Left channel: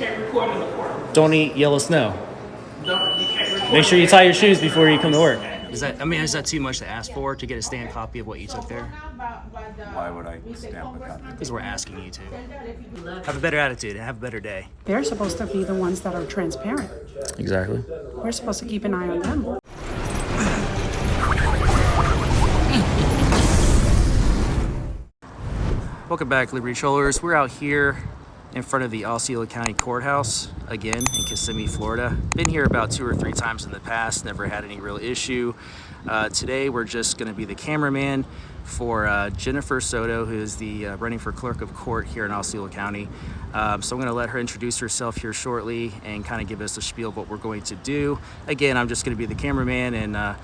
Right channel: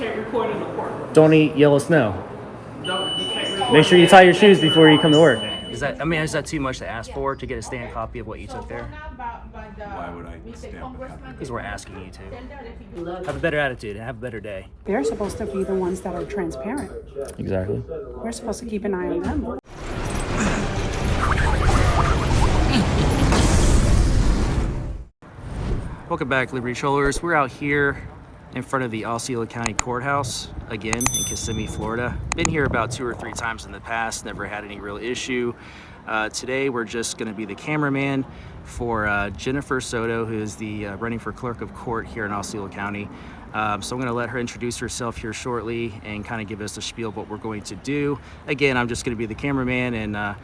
can't record in the courtroom. Don't eat yellow snow. You can't record. Make sure you tie your shoes before you come to work. Is that too much to ask for, to get a stamped copy of what you took there? Why would I stamp a copy? Because we're asking you to. Have a better attitude and have a better day. They're supposed to be the ones that are transparent. Exactly. We're supposed to keep an eye on them. Welcome back, Liberty Trollers. We're out here in front of the Osceola County Courthouse, again, in Kissimmee, Florida. Been here about 2 or 3 times in the past, never had any real issue. Today, we're just gonna be the cameraman for Jennifer Soto, who is the running for clerk of court here in Osceola County. So I'm gonna let her introduce herself here shortly and kind of give us a spiel of what we're going to do. Again, I'm just gonna be the cameraman and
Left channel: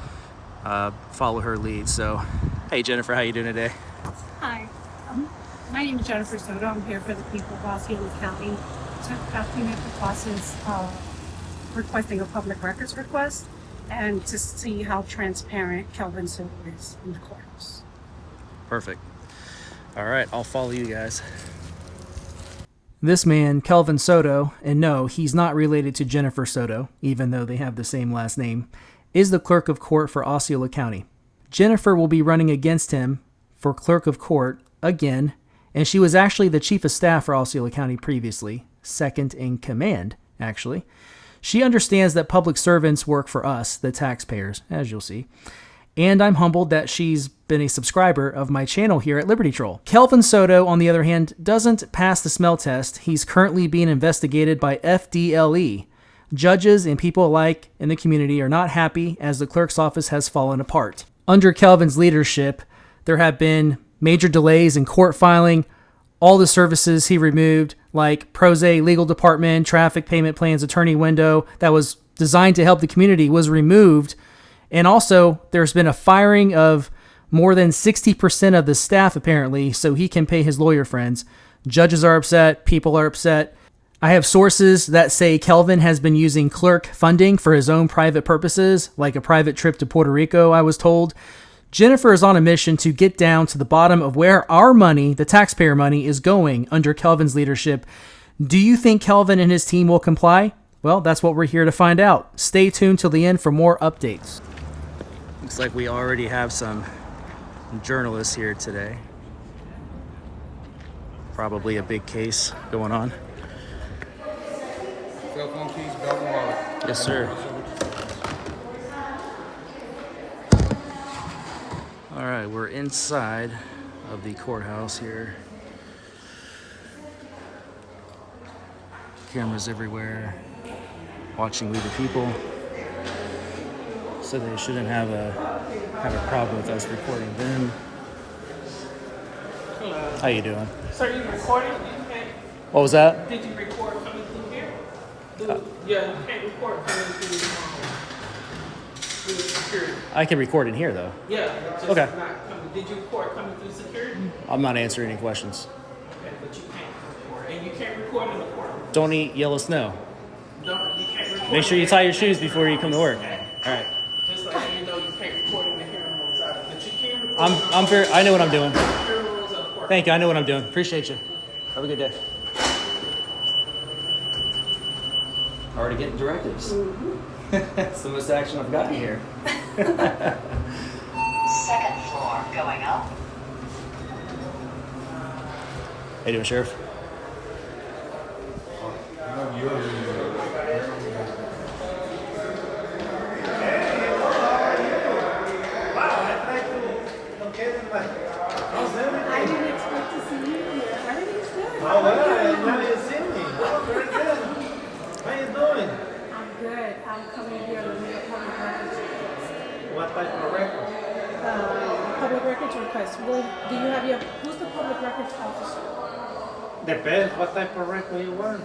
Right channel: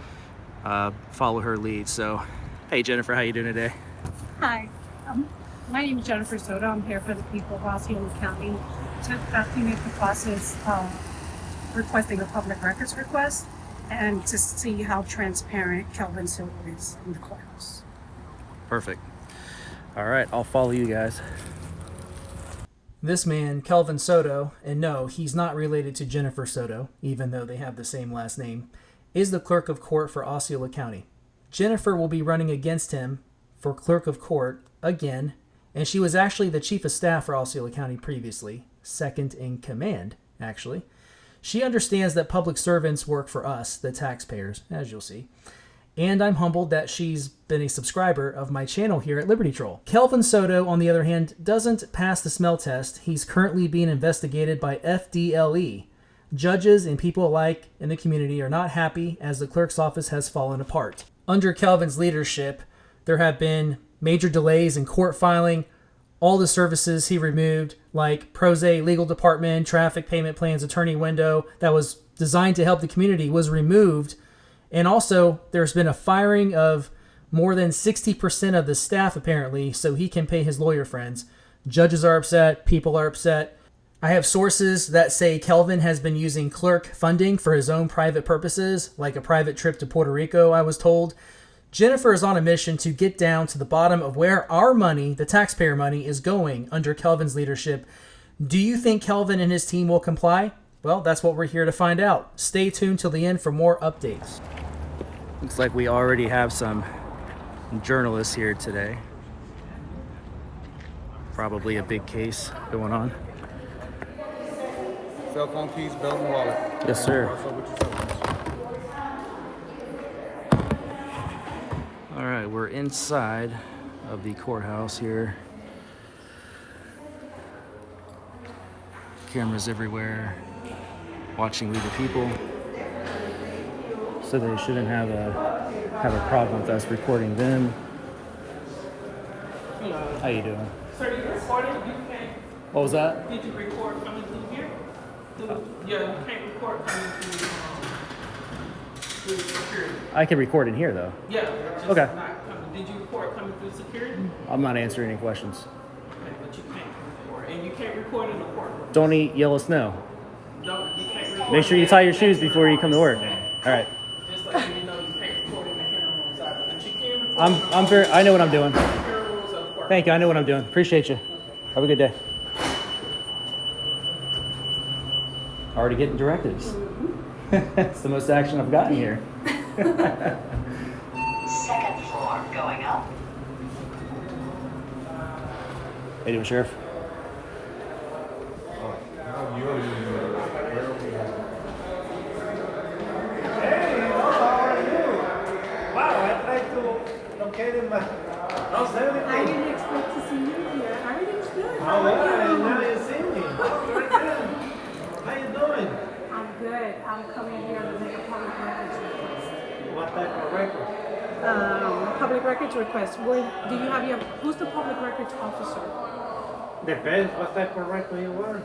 follow her lead. So, hey Jennifer, how you doing today? Hi, my name is Jennifer Soto. I'm here for the people of Osceola County to document the process of requesting a public records request and to see how transparent Kelvin Soto is in the courthouse. Perfect. All right, I'll follow you guys. This man, Kelvin Soto, and no, he's not related to Jennifer Soto, even though they have the same last name, is the clerk of court for Osceola County. Jennifer will be running against him for clerk of court again, and she was actually the chief of staff for Osceola County previously, second in command, actually. She understands that public servants work for us, the taxpayers, as you'll see. And I'm humbled that she's been a subscriber of my channel here at Liberty Troll. Kelvin Soto, on the other hand, doesn't pass the smell test. He's currently being investigated by FDLE. Judges and people alike in the community are not happy as the clerk's office has fallen apart. Under Kelvin's leadership, there have been major delays in court filing. All the services he removed, like Prose Legal Department, Traffic Payment Plans, Attorney Window, that was designed to help the community, was removed. And also, there's been a firing of more than 60% of the staff, apparently, so he can pay his lawyer friends. Judges are upset. People are upset. I have sources that say Kelvin has been using Clerk funding for his own private purposes, like a private trip to Puerto Rico, I was told. Jennifer is on a mission to get down to the bottom of where our money, the taxpayer money, is going under Kelvin's leadership. Do you think Kelvin and his team will comply? Well, that's what we're here to find out. Stay tuned till the end for more updates. Looks like we already have some journalists here today. Probably a big case going on. Cell phone, keys, belt, and wallet. Yes, sir. All right, we're inside of the courthouse here. Cameras everywhere, watching we the people. So they shouldn't have a problem with us recording them. Hello. How you doing? Sir, you recorded? You can't. What was that? Did you record coming through here? Yeah, you can't record coming through security. I can record in here though. Yeah, just Okay. not coming. Did you record coming through security? I'm not answering any questions. Okay, but you can't record, and you can't record in the courtroom. Don't eat yellow snow. You can't record. Make sure you tie your shoes before you come to work. Okay. All right. Just like you know, you can't record in the hearing room side, but you can record. I'm very. I know what I'm doing. The hearing rooms of the court. Thank you. I know what I'm doing. Appreciate you. Have a good day. Already getting directives. That's the most action I've gotten here. Second floor going up. How you doing, Sheriff? I didn't expect to see you here. Everything's good. Oh, well, now you see me. Oh, very good. How you doing? I'm good. I'm coming here to make a public records request. What type of record? Public records request. Well, do you have your, who's the public records officer? Depends what type of record you want.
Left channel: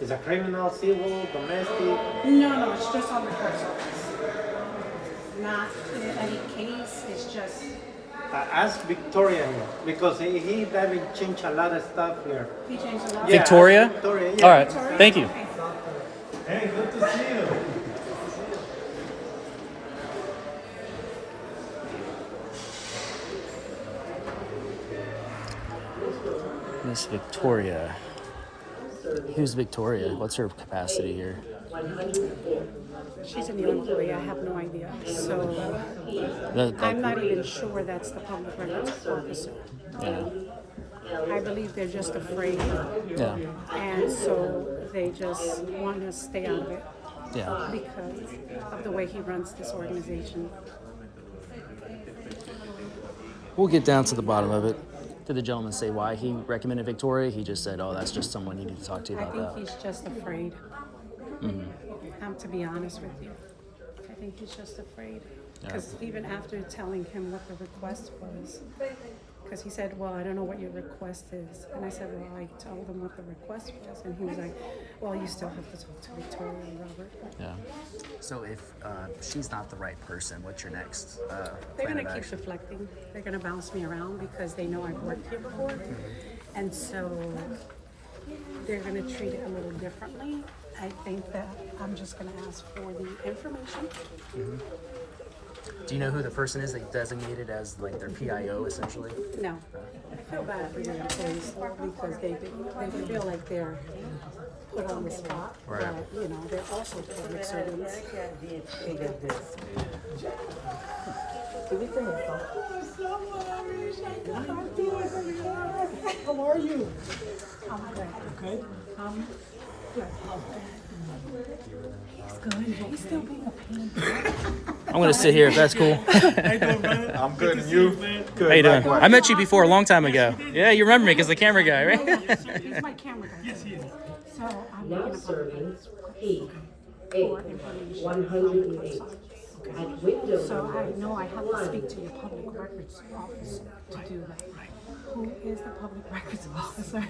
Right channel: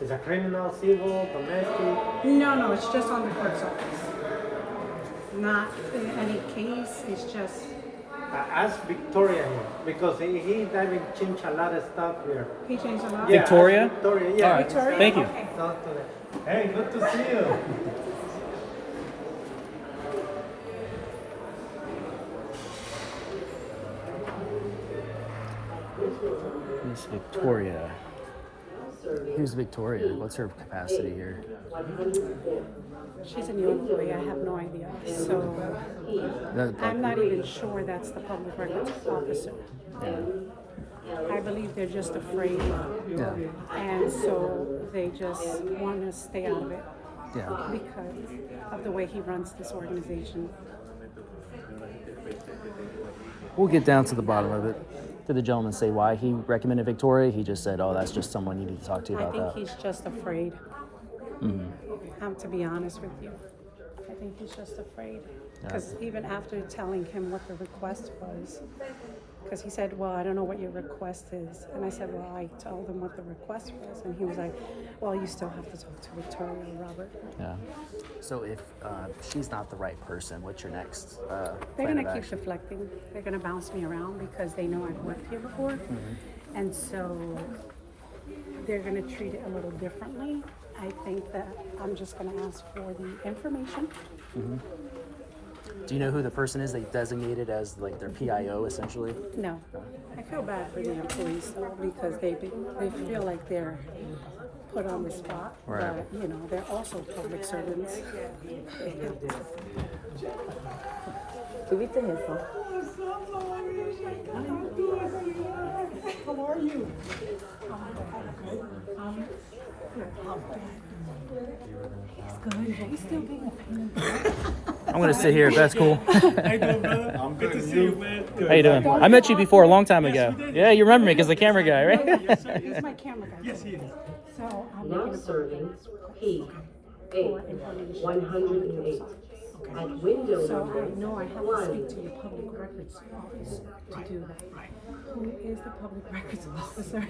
Is a criminal, civil, domestic? No, it's just on the clerk's office. Not any case, it's just, Ask Victoria here because he doesn't change a lot of stuff here. he changed a lot. Yeah, Victoria? ask Victoria, yeah. All right. Victoria? Thank you. Okay. Hey, good to see you. Miss Victoria. Who's Victoria? What's her capacity here? She's a new employee. I have no idea. So I'm not even sure that's the public records officer. Yeah. I believe they're just afraid, Yeah. and so they just want to stay out of it Yeah. because of the way he runs this organization. We'll get down to the bottom of it. Did the gentleman say why he recommended Victoria? He just said, "Oh, that's just someone you need to talk to I about think that." he's just afraid. To be honest with you, I think he's just afraid. Because even after telling him what the request was, because he said, well, I don't know what your request is. And I said, well, I told him what the request was. And he was like, well, you still have to talk to Victoria and Robert. Yeah. So if she's not the right person, what's your next They're plan going of to keep action? deflecting. They're going to bounce me around because they know I've worked here before. And so they're going to treat it a little differently. I think that I'm just going to ask for the information. Do you know who the person is they designated as like their PIO essentially? No. I feel bad for the employees because they feel like they're put on the spot. Right. But, you know, they're also public servants. How are you? Good. He's still being a pain. I'm gonna sit here if that's cool. I'm good. And you? How you doing? I met you before a long time ago. Yeah, you remember me because the camera guy, right? He's my camera guy. Yes, he is. So I'm making a public records request for information from the clerk's office. So I know I have to speak to your public records officer to do that. Who is the public records officer?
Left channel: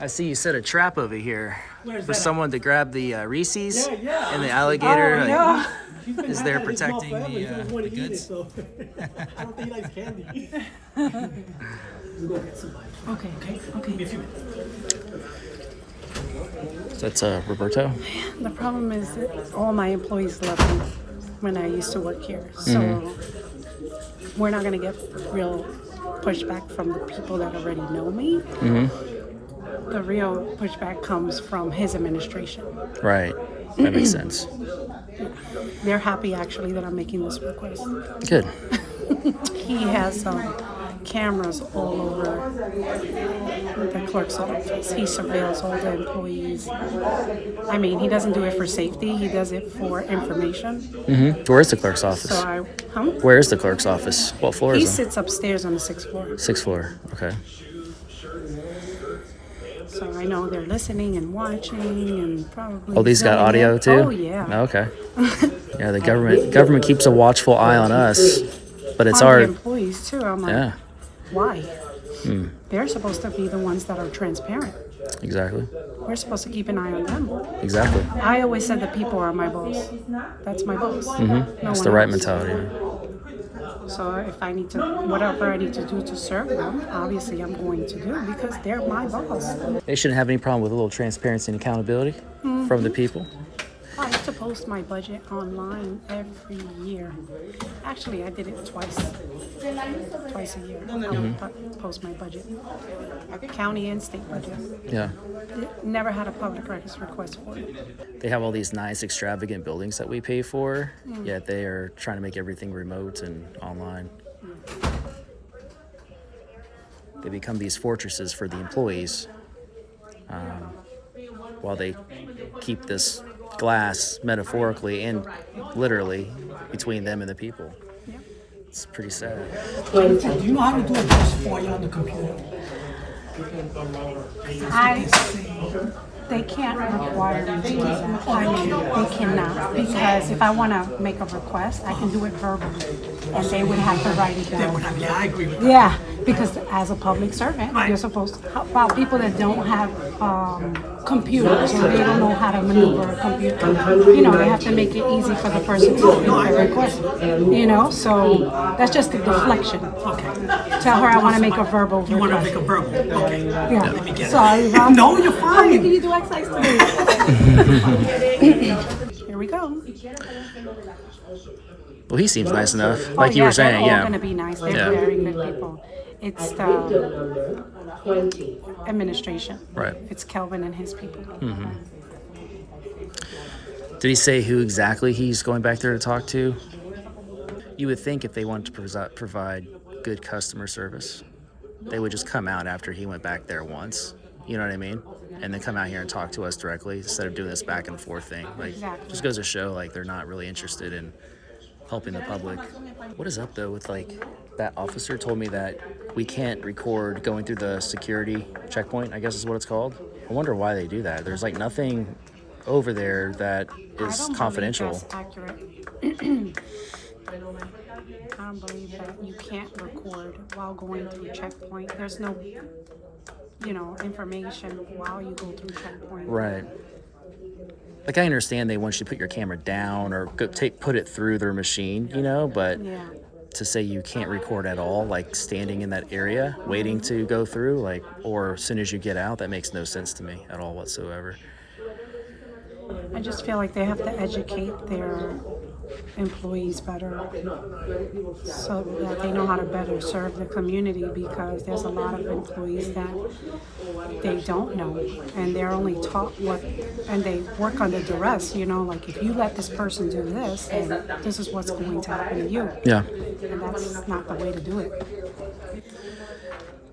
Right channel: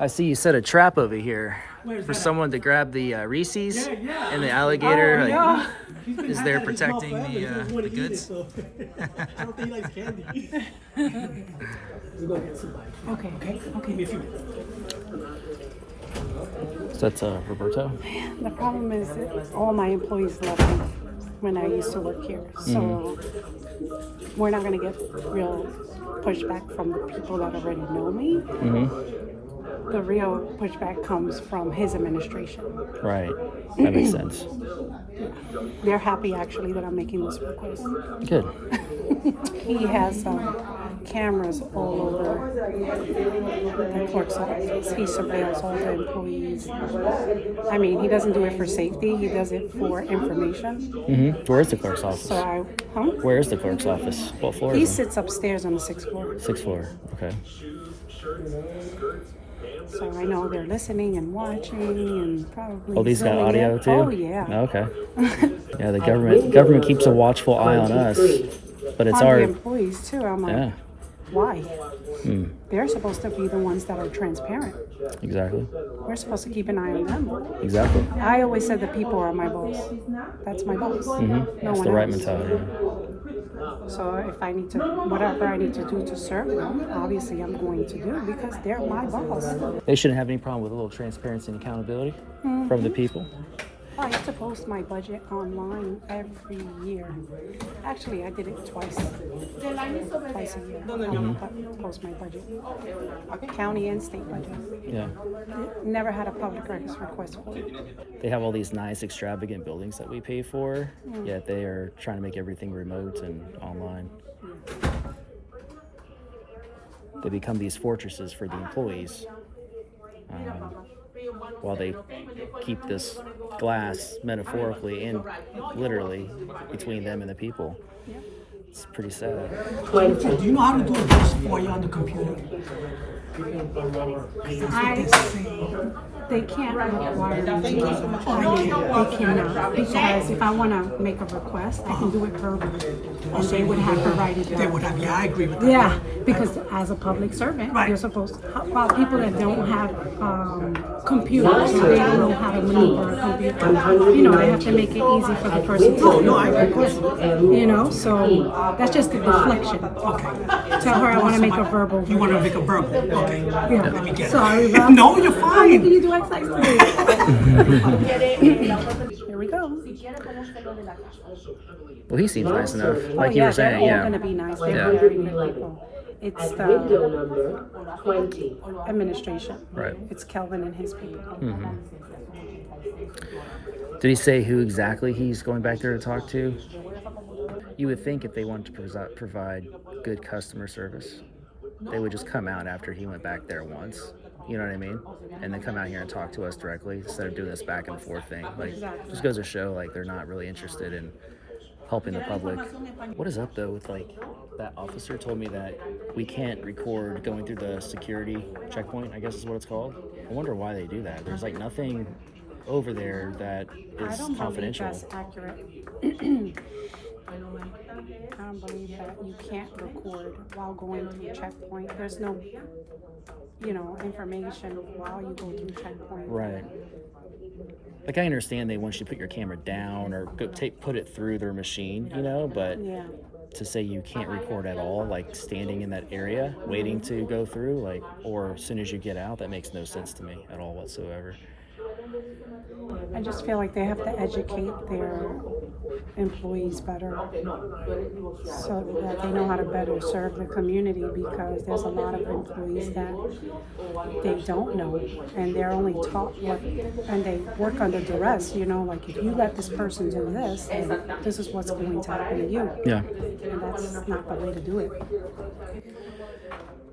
I see you set a trap over here for someone to grab the Reese's and the alligator. Is there protecting the goods? I don't think he likes candy. We'll go get somebody. Okay. Give me a few minutes. So that's Roberto. The problem is that all my employees left me when I used to work here. So we're not going to get real pushback from the people that already know me. The real pushback comes from his administration. Right. That makes sense. They're happy actually that I'm making this request. Good. He has cameras all over the clerk's office. He surveils all the employees. I mean, he doesn't do it for safety. He does it for information. Where's the clerk's office? So Where is the clerk's office? What floor he is it? sits upstairs on the 6th floor. 6th floor. Okay. So I know they're listening and watching and probably. Oh, these got filming audio it. too? Oh yeah. Oh, okay. Yeah, the government keeps a watchful eye on us, but it's On our the employees too. I'm like, yeah. why? They're supposed to be the ones that are transparent. Exactly. We're supposed to keep an eye on them. Exactly. I always said that people are my boss. That's my boss. No That's one the right else. mentality. So if I need to, whatever I need to do to serve them, obviously I'm going to do because they're my boss. They shouldn't have any problem with a little transparency and accountability from the people. I have to post my budget online every year. Actually, I did it twice a year. I post my budget, county and state budget. Yeah. Never had a public records request for it. They have all these nice, extravagant buildings that we pay for, yet they are trying to make everything remote and online. They become these fortresses for the employees while they keep this glass, metaphorically and literally, between them and the people. It's pretty sad. Jennifer, do you know how to do a voice for you on the computer? They can't require me to do that. I mean, they cannot. Because if I want to make a request, I can do it verbally. And they would have to write it down. They would have, yeah, I agree with that. Yeah, because as a public servant, Right. you're supposed to, how about people that don't have computers, so they don't know how to maneuver a computer. You know, they have to make it easy for the person to make the request. You know, so that's just a deflection. Okay. Tell her I want to make a verbal You want to request. make a verbal? Okay. Yeah. Let me get it. Sorry, Rob. No, you're I'm making fine. you do exercise too. Here we go. Well, he seems nice enough, like you were saying, They're all yeah. gonna be nice. They're Yeah. very good people. It's the Number 20. administration. Right. It's Kelvin and his people. Did he say who exactly he's going back there to talk to? You would think if they wanted to provide good customer service, they would just come out after he went back there once. You know what I mean? And then come out here and talk to us directly instead of doing this back and forth thing. Like, just goes to show, like, they're not really interested in helping the public. What is up, though, with, like, that officer told me that we can't record going through the security checkpoint, I guess is what it's called. I wonder why they do that. There's, like, nothing over there that is confidential. That's accurate. I don't believe that you can't record while going through checkpoint. There's no, information while you go through checkpoint. Right. Like, I understand they want you to put your camera down or put it through their machine, but Yeah. to say you can't record at all, like standing in that area waiting to go through, like, or as soon as you get out, that makes no sense to me at all whatsoever. I just feel like they have to educate their employees better so that they know how to better serve the community, because there's a lot of employees that they don't know and they're only taught and they work under duress, like if you let this person do this, then this is what's going to happen to you. Yeah. And that's not the way to do it.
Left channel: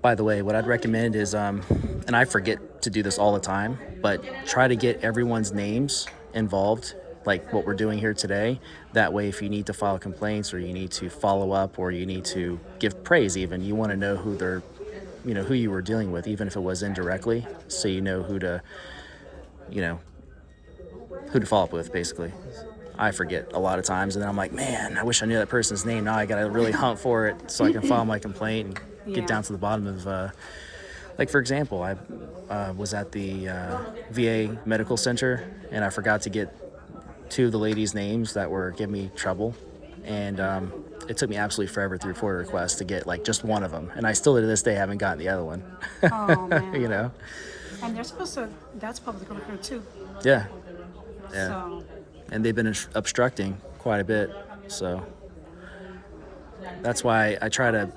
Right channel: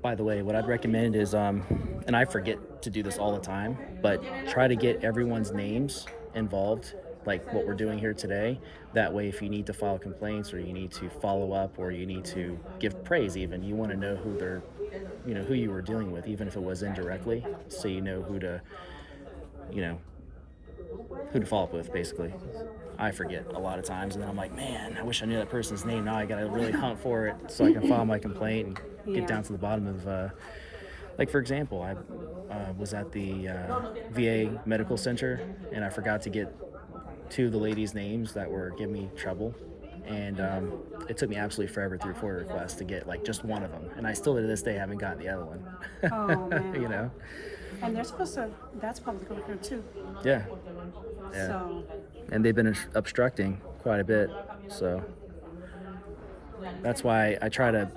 By the way, what I'd recommend is, and I forget to do this all the time, but try to get everyone's names involved, like what we're doing here today. That way, if you need to file complaints or you need to follow up or you need to give praise even, you want to know who they're, who you were dealing with, even if it was indirectly, so you know who to follow up with, basically. I forget a lot of times, and then I'm like, man, I wish I knew that person's name. Now I got to really hunt for it so I can file my complaint and get down to the bottom of, like, for example, I was at the VA medical center, and I forgot to get two of the ladies' names that were giving me trouble, and it took me absolutely forever through FOIA requests to get, like, just one of them, and I still to this day haven't gotten the other one. Oh, man. And they're supposed to, that's public record too. Yeah. So, And they've been obstructing quite a bit, so that's why I try to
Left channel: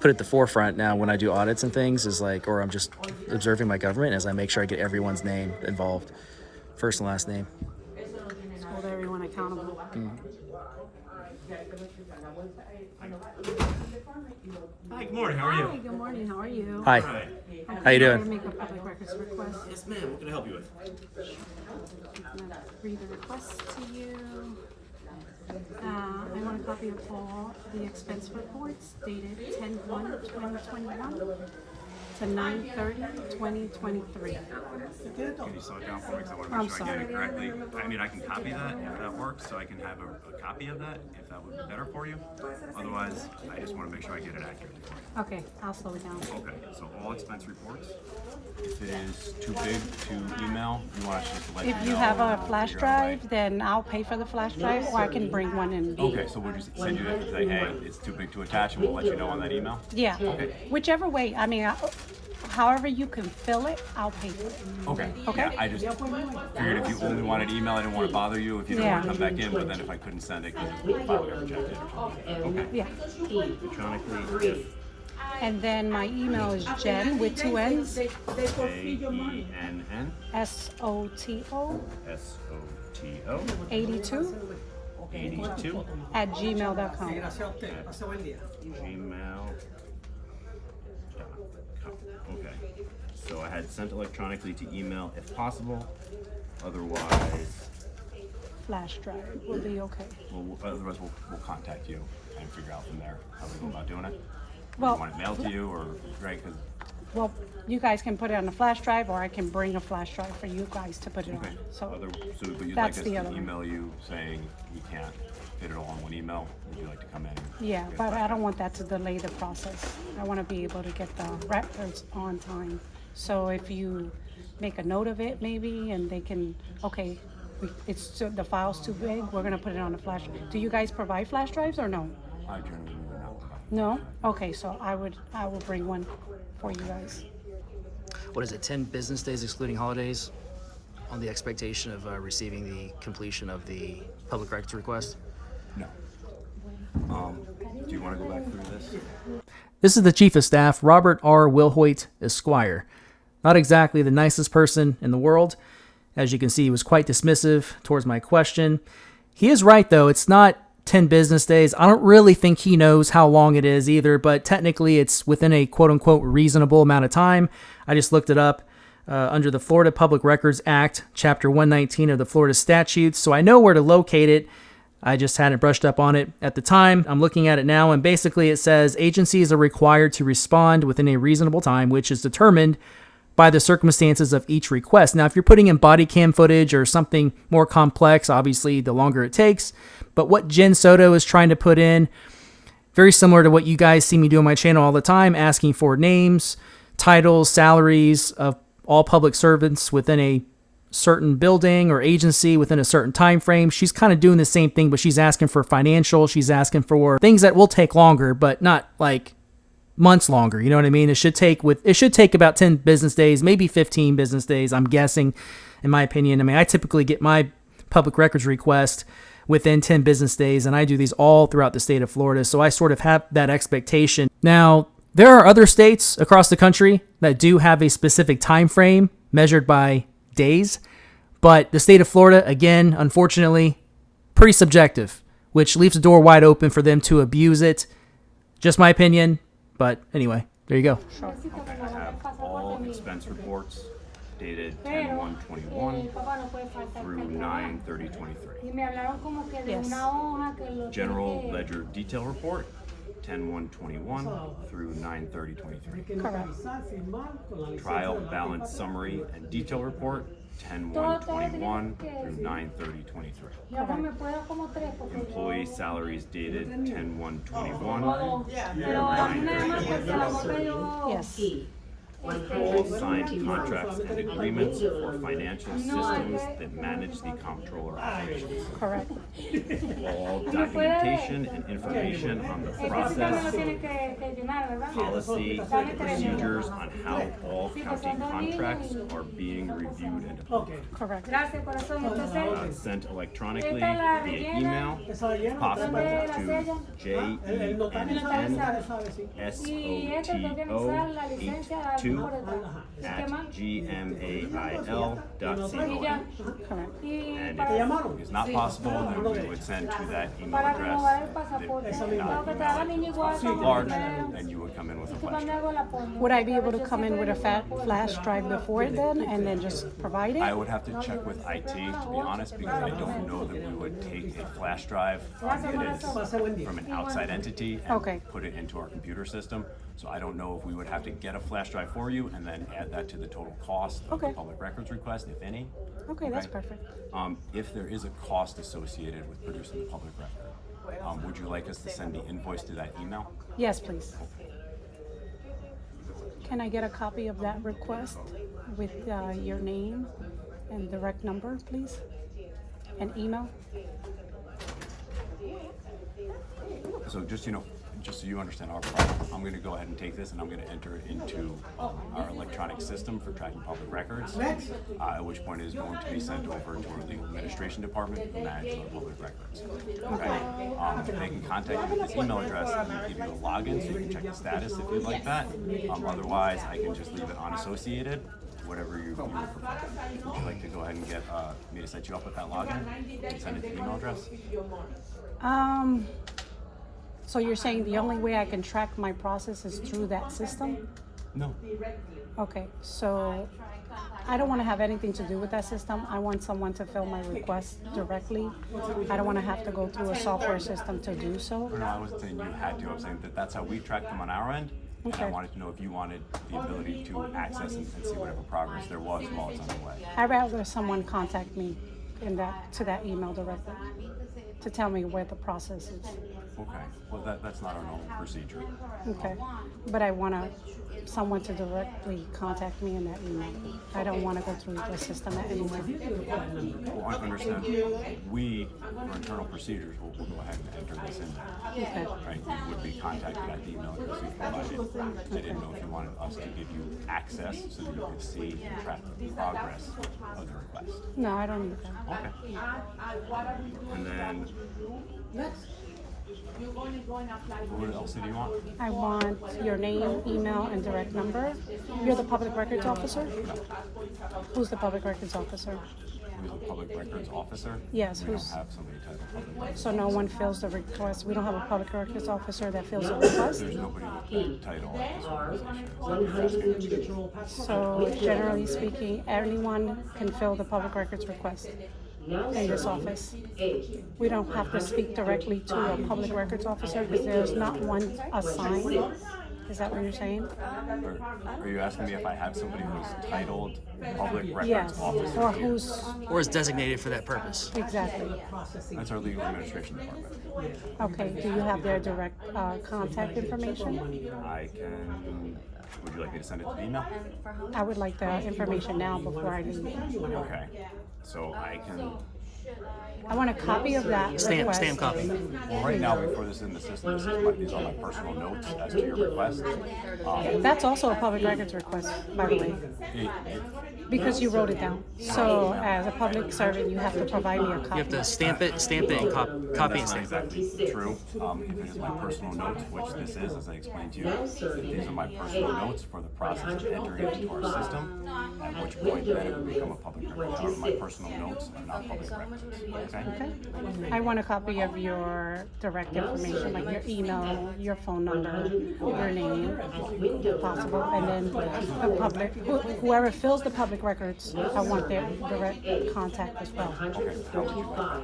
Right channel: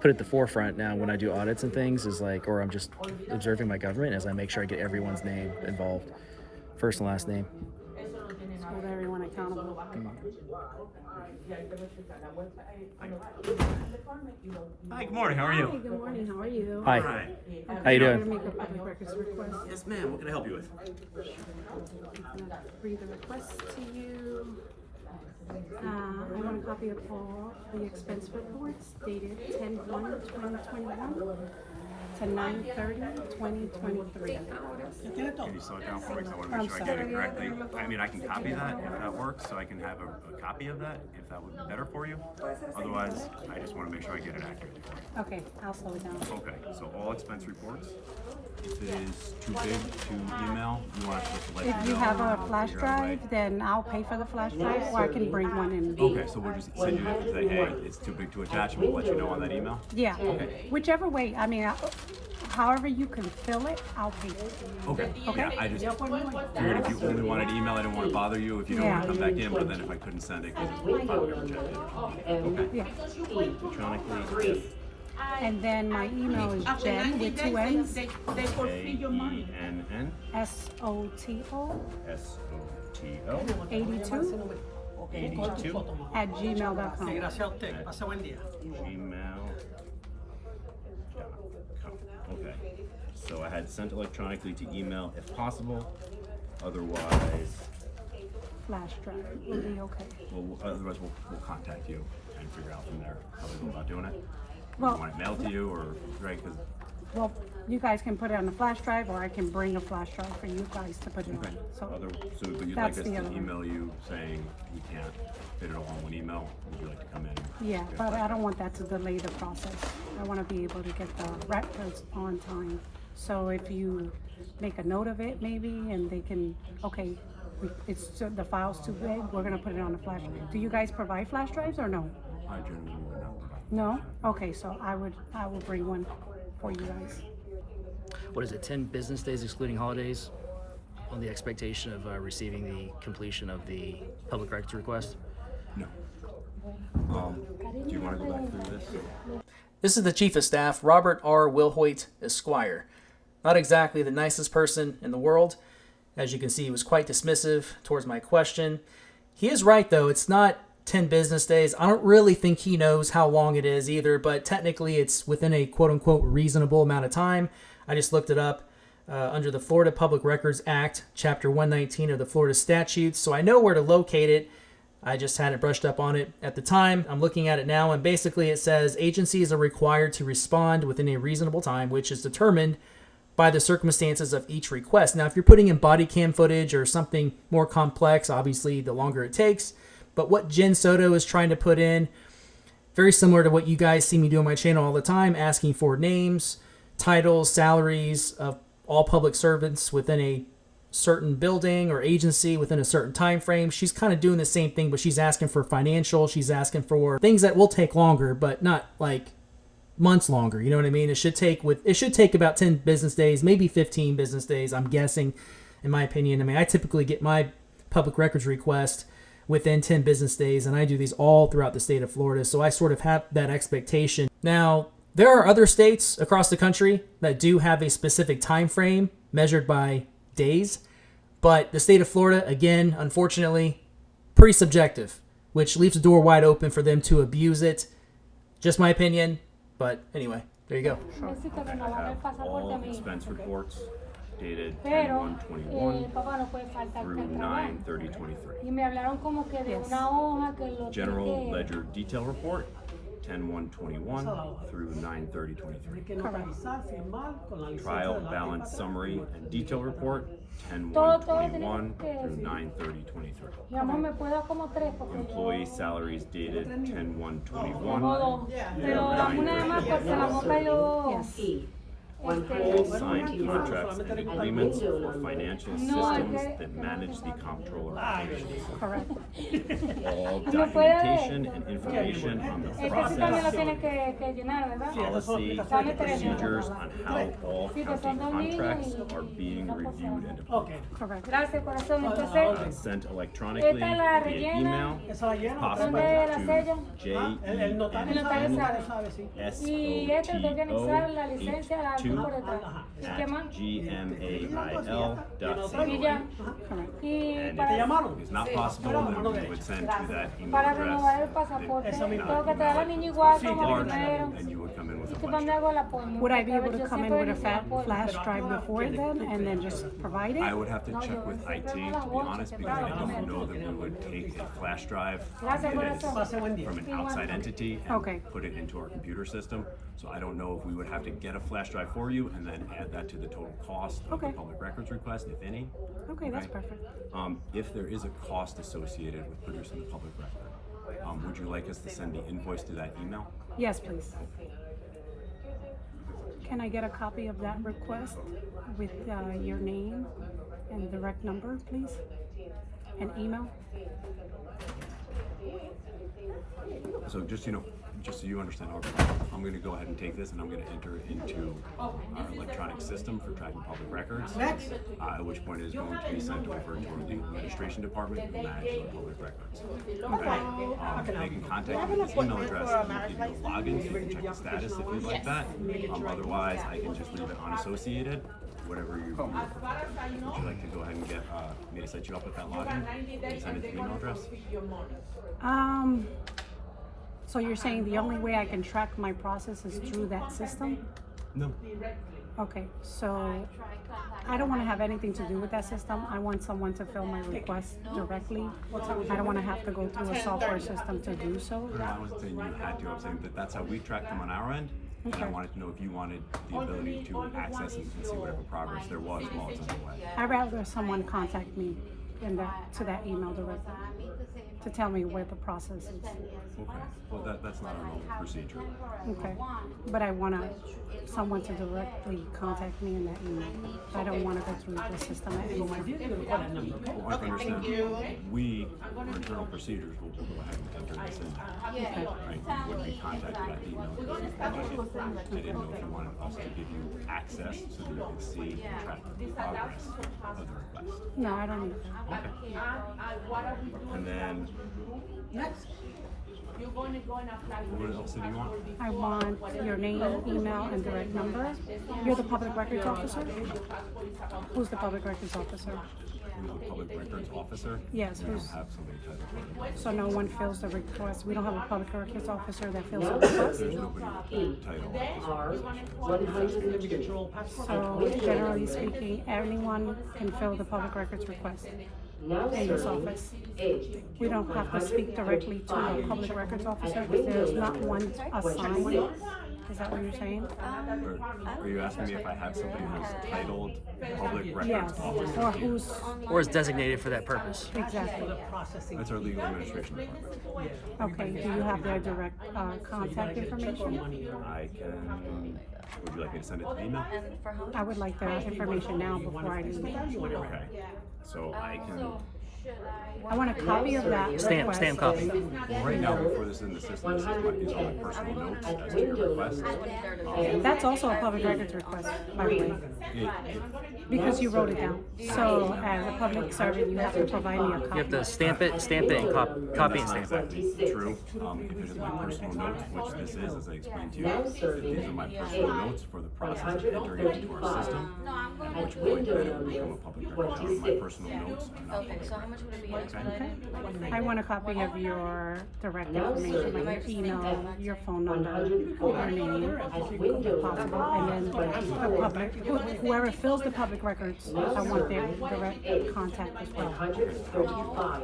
put at the forefront now when I do audits and things, is like, or I'm just observing my government, as I make sure I get everyone's name involved, first and last name. hold everyone accountable. Hi, good morning. How are you? Hi, good morning. How are you? Hi. Hi. How you doing? I'm going to make a public records request. Yes, ma'am. What can I help you with? I'm going to read the request to you. I want a copy of all the expense reports dated 10/1/2021 to 9/30/2023. Can you slow it down for me, because I want to make sure I get it correctly? I mean, I can copy that if that works, so I can have a copy of that if that would be better for you. Otherwise, I just want to make sure I get it accurately for you. Okay, I'll slow it down. Okay, so all expense reports. If it is too big to email, you want us just to let you know. If you have and a we'll flash figure out a way. drive, then I'll pay for the flash drive, or I can bring one and be. Okay, so we'll just send you it and say, hey, it's too big to attach, and we'll let you know on that email? Yeah. Okay. Whichever way. I mean, however you can fill it, I'll pay for it. Okay. Yeah, I just figured if you only wanted email, I didn't want to bother you if you didn't want to come back in, but then if I couldn't send it because the file got rejected or something. Okay. Yeah. Electronically, if And then my email is Jen with two N's, AENN SOTO SOTO 82 82 at gmail.com. gmail.com. Okay. So I had sent electronically to email if possible. Otherwise, Flash drive will be okay. otherwise we'll contact you and figure out from there how we go about doing it. Well, you want it mailed to you, or right? Because well, you guys can put it on a flash drive, or I can bring a flash drive for you guys to put it okay. on. So But you'd that's like us the to other one. email you saying you can't fit it all in one email? Would you like to come in? And yeah, get a but flash I drive? don't want that to delay the process. I want to be able to get the records on time. So if you make a note of it, maybe, and they can, okay, the file's too big, we're gonna put it on a flash. Do you guys provide flash drives or no? I generally would not provide. No? Okay, so I will bring one for you guys. What is it, 10 business days excluding holidays on the expectation of receiving the completion of the public records request? No. Do you want to go back through this? This is the Chief of Staff, Robert R. Willhoit, Esquire. Not exactly the nicest person in the world. As you can see, he was quite dismissive towards my question. He is right, though. It's not 10 business days. I don't really think he knows how long it is either, but technically it's within a quote-unquote reasonable amount of time. I just looked it up under the Florida Public Records Act, Chapter 119 of the Florida Statutes, so I know where to locate it. I just hadn't brushed up on it at the time. I'm looking at it now, and basically it says agencies are required to respond within a reasonable time, which is determined by the circumstances of each request. Now, if you're putting in body cam footage or something more complex, obviously the longer it takes. But what Jen Soto is trying to put in, very similar to what you guys see me do on my channel all the time, asking for names, titles, salaries of all public servants within a certain building or agency within a certain time frame. She's kind of doing the same thing, but she's asking for financial. She's asking for things that will take longer, but not like months longer. You know what I mean? It should take about 10 business days, maybe 15 business days, I'm guessing, in my opinion. I mean, I typically get my public records request within 10 business days, and I do these all throughout the state of Florida, so I sort of have that expectation. Now, there are other states across the country that do have a specific time frame measured by days, but the state of Florida, again, unfortunately, pretty subjective, which leaves the door wide open for them to abuse it. Just my opinion, but anyway, there you go. Okay, I have all expense reports dated 10/1/21 through 9/30/23. Yes. General ledger detail report 10/1/21 through 9/30/23. Correct. Trial balance summary and detail report 10/1/21 through 9/30/23. Employee salaries dated 10/1/21 through 9/30/23. Yes. All signed contracts and agreements for financial systems that manage the comptroller operations. Correct. All documentation and information on the process, policy, and procedures on how all county contracts are being reviewed and approved. Correct. Sent electronically via email, if possible, to JENNSOTO82@gmail.com. And if it's not possible, then we would send to that email address. If we cannot email it, it's too large, and you would come in with a flash drive. Would I be able to come in with a flash drive before then and then just provide it? I would have to check with IT, to be honest, because I don't know that we would take a flash drive that is from an outside entity and put it into our computer system. So I don't know if we would have to get a flash drive for you and then add that to the total cost of the public records request, if any. Okay, that's perfect. If there is a cost associated with producing the public record, would you like us to send the invoice to that email? Yes, please. Can I get a copy of that request with your name and direct number, please? And email? So just so you understand our problem, I'm going to go ahead and take this and I'm going to enter it into our electronic system for tracking public records, at which point it is going to be sent over to our legal administration department who manage our public records. Okay? They can contact you at this email address and give you a login so you can check the status if you'd like that. Otherwise, I can just leave it unassociated, whatever you would prefer. Would you like to go ahead and get me to set you up with that login and send it to the email address? So you're saying the only way I can track my process is through that system? No. Okay, so I don't want to have anything to do with that system. I want someone to fill my request directly. I don't want to have to go through a software system to do so. No, I wasn't saying you had to. I'm saying that that's how we track them on our end. And I wanted to know if you wanted the ability to access and see whatever progress there was while it's underway. I'd rather someone contact me to that email directly to tell me where the process is. Okay. Well, that's not our normal procedure. Okay, but I want someone to directly contact me in that email. I don't want to go through the system anymore. Well, I understand. We, for internal procedures, will go ahead and enter this in there. Okay. Right? You would be contacted at the email address you provided. I didn't know if you wanted us to give you access so that you could see and track the progress of the request. No, I don't need that. Okay. And then What else do you want? I want your name, email, and direct number. You're the public records officer? Who's the public records officer? Who's a public records officer? Yes, We don't who's- have somebody titled public records. So no one fills the request. We don't have a public records officer that fills the request. There's nobody with that title at this R organization. 102. So generally speaking, anyone can fill the public records request Now in this serving office. A. We don't have to speak directly to a public records officer because there's not one assigned. Is that what you're saying? Are you asking me if I have somebody who's titled public records Yes. officer Or here? who's, Or is designated for that purpose. exactly. That's our legal administration department. Okay, do you have their direct contact information? I can. Would you like me to send it to the email? I would like the information now before I leave. Okay. So I can. I want a copy of that Stamp request. copy. Well, right now, before this is in the system, these are my personal notes as to your request. That's also a public records request, by the way, because you wrote it down. So as a public servant, you have to provide me a copy. You have to stamp it, and copy and That's not stamp it. exactly true. If it is my personal notes, which this is, as I explained to you, these are my personal notes for the process of entering it into our system, at which point then it would become a public record. However, my personal notes are not public records. Okay? Okay. I want a copy of your direct information, like your email, your phone number, your name, if possible, and then the public, whoever fills the public records, I want their direct contact as well. Okay. How would you like that?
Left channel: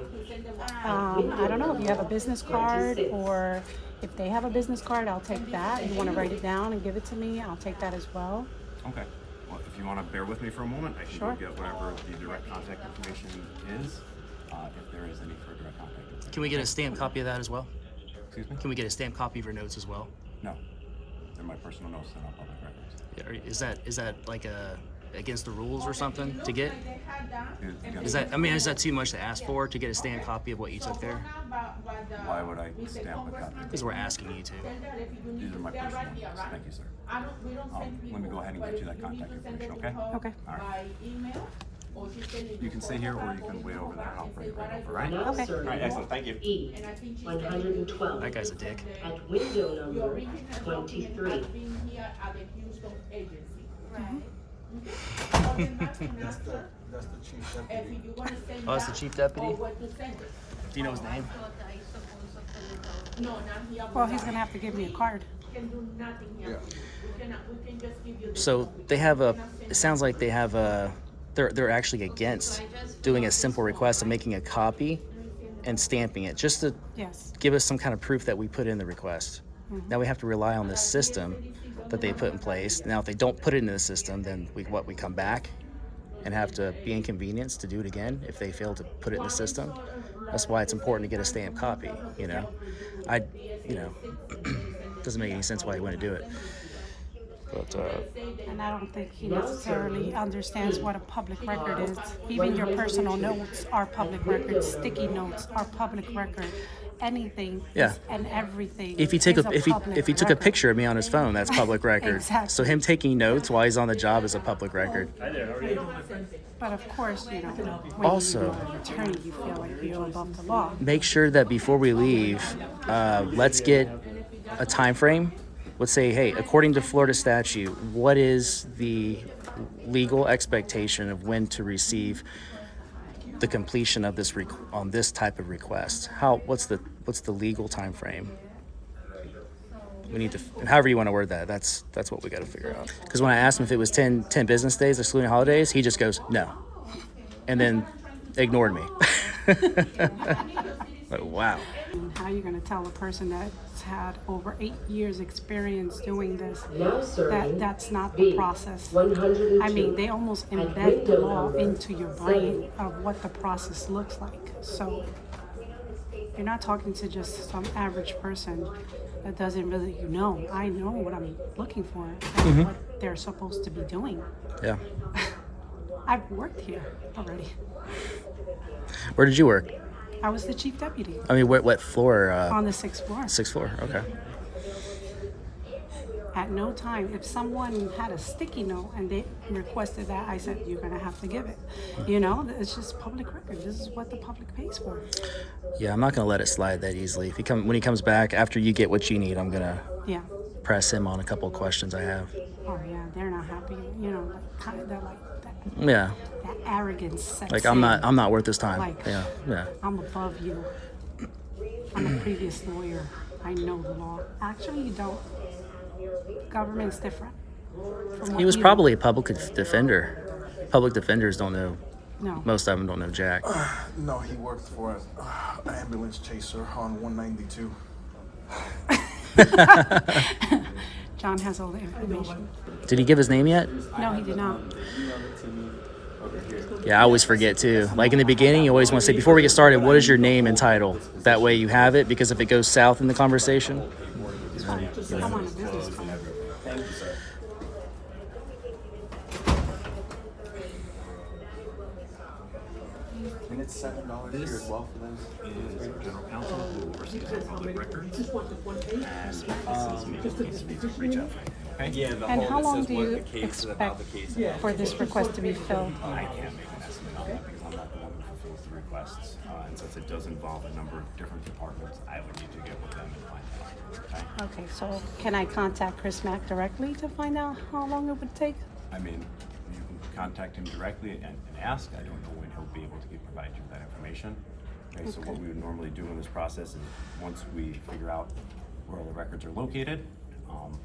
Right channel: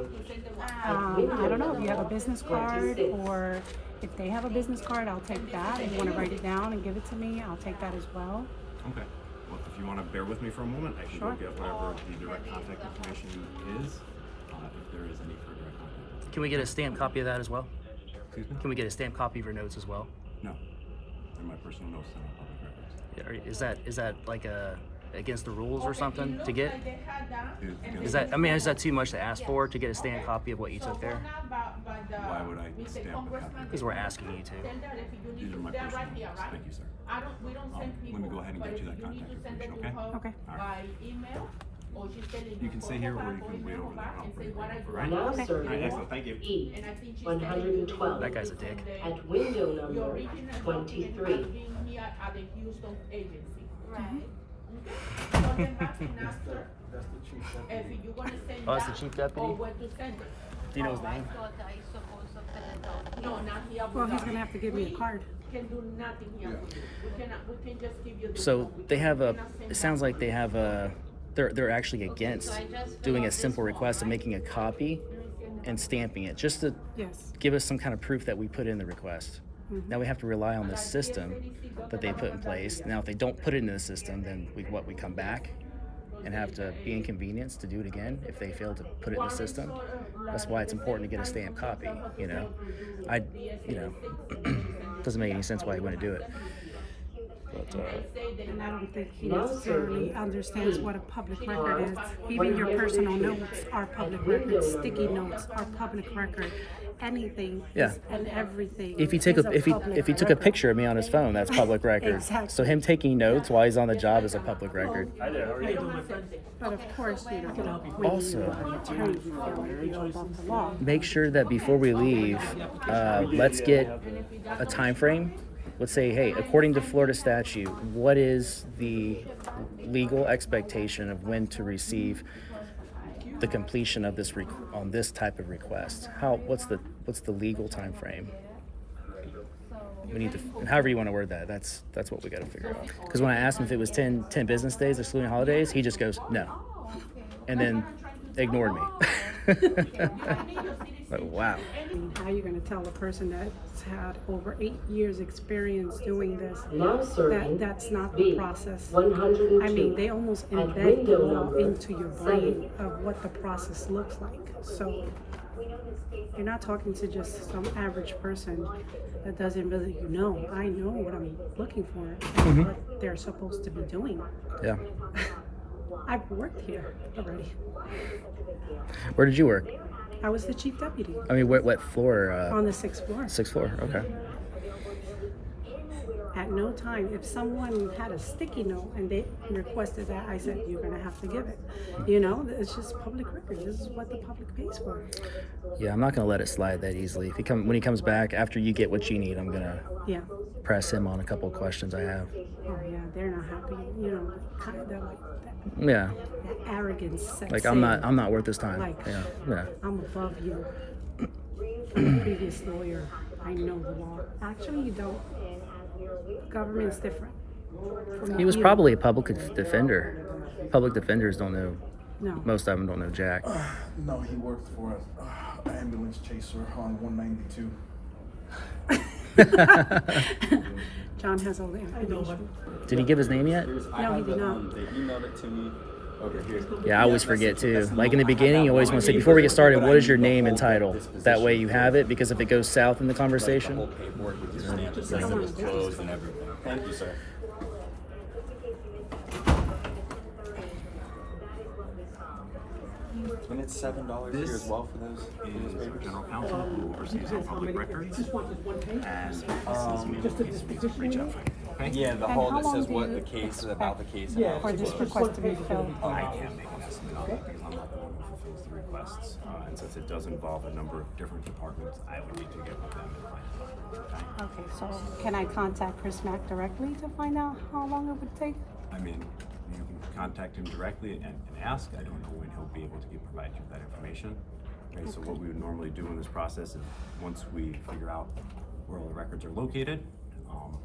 I don't know if you have a business card, or if they have a business card, I'll take that. If you want to write it down and give it to me, I'll take that as well. Okay. Well, if you want to bear with me for a moment, I can Sure. go get whatever the direct contact information is, if there is any for direct contact. Can we get a stamped copy of that as well? Excuse me? Can we get a stamped copy of your notes as well? No. They're my personal notes. They're not public records. Yeah, is that like against the rules or something to get? Again, Is that too much to ask for to get a stamped copy of what you took there? Why would I stamp a copy? Because we're asking you to. These are my personal notes. Thank you, sir. Let me go ahead and get you that contact information, okay? Okay. All right. You can stay here or you can wait over there and I'll bring it right over, right? Now Okay. serving All right, excellent. Thank you. E. 112. That guy's a dick. At window number 23. Oh, that's the chief deputy? Do you know his name? Well, he's gonna have to give me a card. So they have it sounds like they have they're actually against doing a simple request of making a copy and stamping it, just to Yes. give us some kind of proof that we put in the request. Mm-hmm. Now we have to rely on this system that they put in place. Now if they don't put it in the system, then we come back and have to be inconvenienced to do it again if they fail to put it in the system. That's why it's important to get a stamped copy, doesn't make any sense why you wouldn't do it. But And I don't think he necessarily understands what a public record is. Even your personal notes are public records. Sticky notes are public record. Anything Yeah. and everything. if he took is if he public took a record. picture of me on his phone, that's public record. Exactly. So him taking notes while he's on the job is a public record. But of course, when Also- you're an attorney, you feel like you're above the law. Make sure that before we leave, let's get a time frame. Let's say, hey, according to Florida statute, what is the legal expectation of when to receive the completion of this on this type of request? What's the legal time frame? We need to, however you want to word that. That's what we got to figure out. Because when I asked him if it was 10 business days excluding holidays, he just goes no, and then ignored me. Like, wow. How are you going to tell a person that's had over 8 years experience doing this Now serving that's not the process? 102. I mean, they almost embed the law into your brain of what the process looks like. So you're not talking to just some average person that doesn't really know. I know what I'm looking for, and what they're supposed to be doing. Yeah. I've worked here already. Where did you work? I was the chief deputy I mean, what floor? on the 6th floor. 6th floor. Okay. At no time, if someone had a sticky note and they requested that, I said, you're gonna have to give it. You know, it's just public record. This is what the public pays for. Yeah, I'm not gonna let it slide that easily. When he comes back after you get what you need, I'm gonna Yeah. press him on a couple of questions I have. Oh yeah, they're not happy. You know, they're like that, Yeah, that arrogance sets like in. I'm not worth his time. Like, Yeah. I'm above you. I'm a previous lawyer. I know the law. Actually, you don't. Government's different. He was probably a public defender. Public defenders don't know. No. Most of them don't know jack. No, he worked for an ambulance chaser on 192. John has all the information. Did he give his name yet? No, he did not. Yeah, I always forget too. Like in the beginning, you always want to say, before we get started, what is your name and title? That way you have it, because if it goes south in the conversation, I'm on a business card. And it's $7 This is our general counsel who oversees our public records. And this is me. Reach out for anything, okay? Yeah, the And whole how that long says do what you the case about the expect case. for this request to be filled? I can't make an estimate on that because I'm not the one who fulfills the requests. And since it does involve a number of different departments, I would need to get with them and find out, okay? Okay, so can I contact Chris Mack directly to find out how long it would take? I mean, you can contact him directly and ask. I don't know when he'll be able to provide you with that information. Okay, so what we would normally do in this process is once we figure out where all the records are located,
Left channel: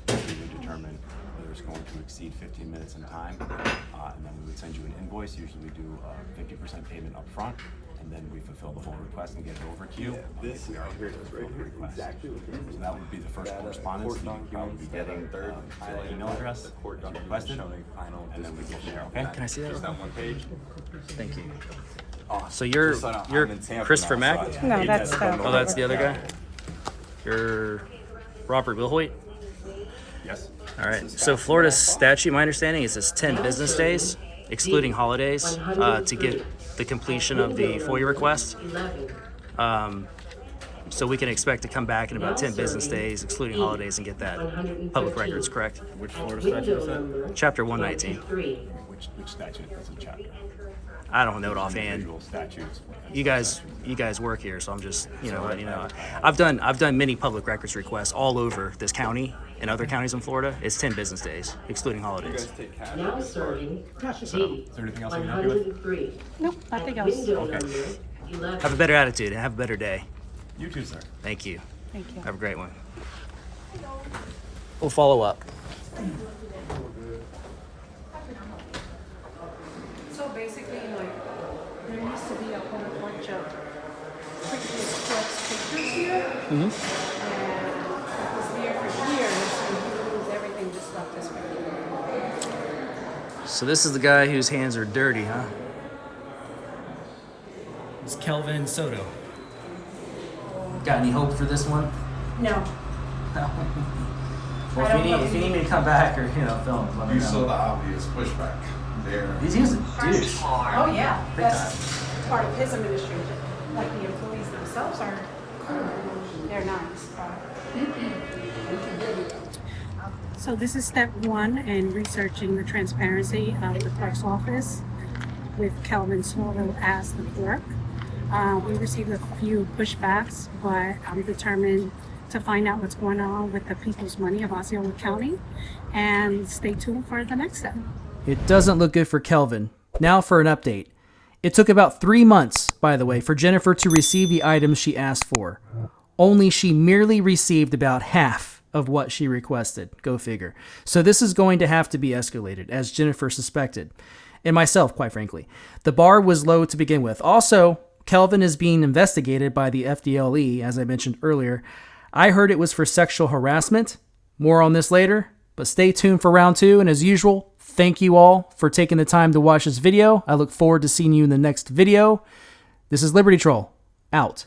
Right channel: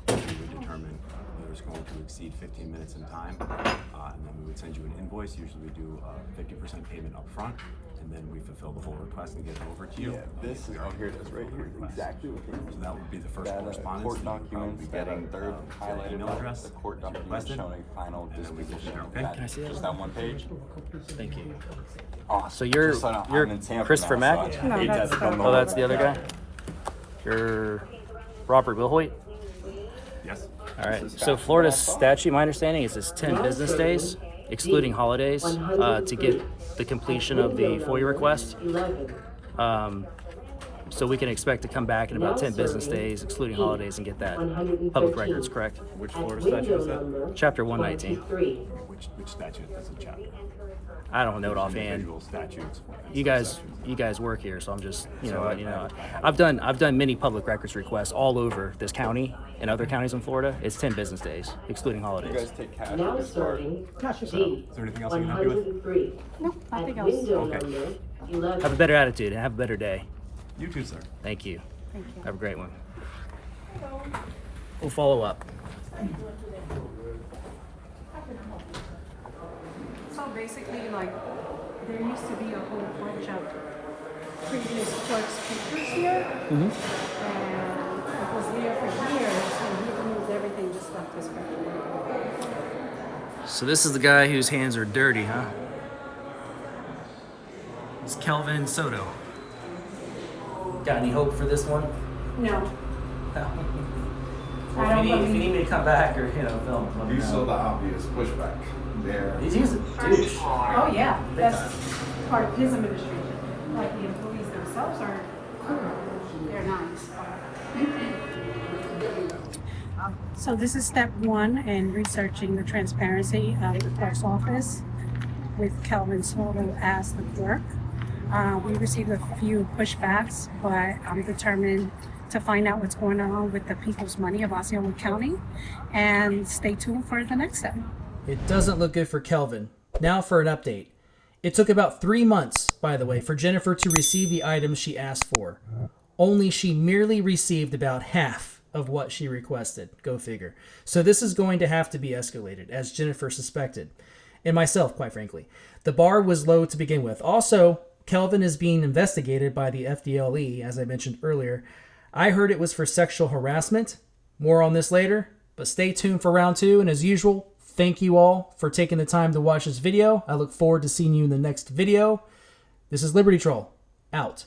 we would determine whether it's going to exceed 15 minutes in time, and then we would send you an invoice. Usually we do a 50% payment up front, and then we fulfill the whole request and get it over to you if we are able to fulfill the request. So that would be the first correspondence that you'd probably be getting to the email address that you requested, and then we go from there, okay? Can I see that? That one page. Thank you. So you're Christopher Mack? No, that's the. Oh, that's the other guy? You're Robert Willhoit? Yes. All right. So Florida's statute, my understanding, is it's 10 business days, excluding holidays, to get the completion of the FOIA request. 11. So we can expect to come back in about 10 business days, excluding holidays, and get that public records, correct? Which Florida statute is that? Chapter 119. Which statute? That's a chapter. I don't know it offhand. Individual statutes. You guys work here, so I'm just, letting you know. I've done many public records requests all over this county and other counties in Florida. It's 10 business days, excluding holidays. Now serving Is there anything else I can help you with? 103. Nope, nothing else. Window Okay. number 11. Have a better attitude and have a better day. You too, sir. Thank you. Thank you. Have a great one. We'll follow up. So basically, like, there used to be a whole bunch of previous court speakers here. And it was there for years, and he removed everything just like this way. So this is the guy whose hands are dirty, huh? It's Kelvin Soto. Got any hope for this one? No. Well, if you need me to come back or film, let me You saw know. the obvious pushback there. He's a douche. Oh, yeah. Big That's part of his administration. Like, the employees themselves are cool. They're nice. So this is step one in researching the transparency of the clerk's office with Kelvin Soto as the clerk. We received a few pushbacks, but I'm determined to find out what's going on with the people's money of Osceola County, and stay tuned for the next step. It doesn't look good for Kelvin. Now for an update. It took about 3 months, by the way, for Jennifer to receive the items she asked for. Only she merely received about half of what she requested. Go figure. So this is going to have to be escalated, as Jennifer suspected. And myself, quite frankly. The bar was low to begin with. Also, Kelvin is being investigated by the FDLE, as I mentioned earlier. I heard it was for sexual harassment. More on this later, but stay tuned for round 2. And as usual, thank you all for taking the time to watch this video. I look forward to seeing you in the next video. This is Liberty Troll, out.